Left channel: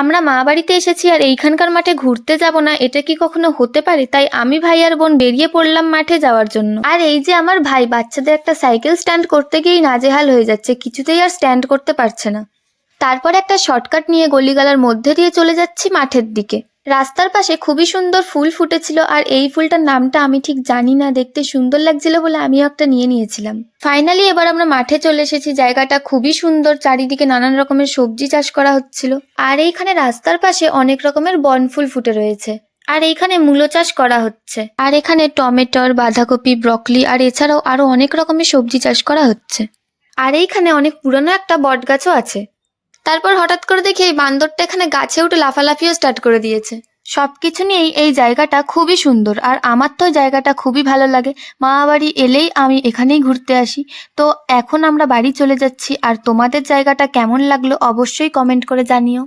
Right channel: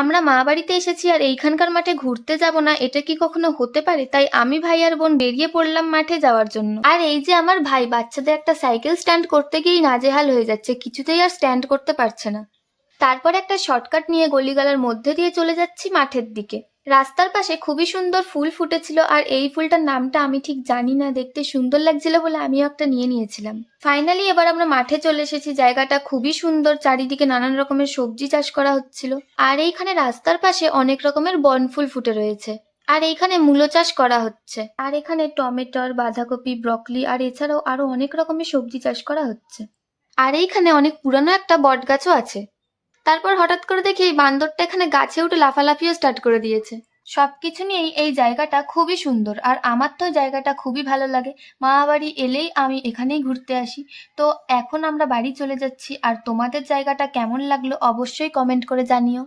আমরা মামাবাড়িতে এসেছি আর এইখানকার মাঠে ঘুরতে যাব না, এটা কি কখনো হতে পারে? তাই আমি ভাই আর বোন বেরিয়ে পড়লাম মাঠে যাওয়ার জন্য। আর এই যে আমার ভাই বাচ্চাদের একটা সাইকেল স্ট্যান্ড করতে গিয়েই নাজেহাল হয়ে যাচ্ছে, কিছুতেই আর স্ট্যান্ড করতে পারছে না। তারপরে একটা শর্টকাট নিয়ে গলিগালার মধ্যে দিয়ে চলে যাচ্ছি মাঠের দিকে। রাস্তার পাশে খুবই সুন্দর ফুল ফুটেছিল, আর এই ফুলটার নামটা আমি ঠিক জানি না, দেখতে সুন্দর লাগছিল বলে আমিও একটা নিয়ে নিয়েছিলাম। ফাইনালি এবার আমরা মাঠে চলে এসেছি। জায়গাটা খুবই সুন্দর, চারিদিকে নানান রকমের সবজি চাষ করা হচ্ছিল। আর এইখানে রাস্তার পাশে অনেক রকমের বনফুল ফুটে রয়েছে। আর এইখানে মূলো চাষ করা হচ্ছে। আর এখানে টমেটোর, বাঁধাকপি, ব্রকলি আর এছাড়াও আরো অনেক রকমের সবজি চাষ করা হচ্ছে। আর এইখানে অনেক পুরানো একটা বট গাছও আছে। তারপর হঠাৎ করে দেখি এই বান্দরটা এখানে গাছে উঠে লাফালাফিও স্টার্ট করে দিয়েছে। সবকিছু নিয়েই এই জায়গাটা খুবই সুন্দর, আর আমার তো জায়গাটা খুবই ভালো লাগে। মামাবাড়ি এলেই আমি এখানেই ঘুরতে আসি। তো এখন আমরা বাড়ি চলে যাচ্ছি, আর তোমাদের জায়গাটা কেমন লাগলো অবশ্যই কমেন্ট করে জানিও।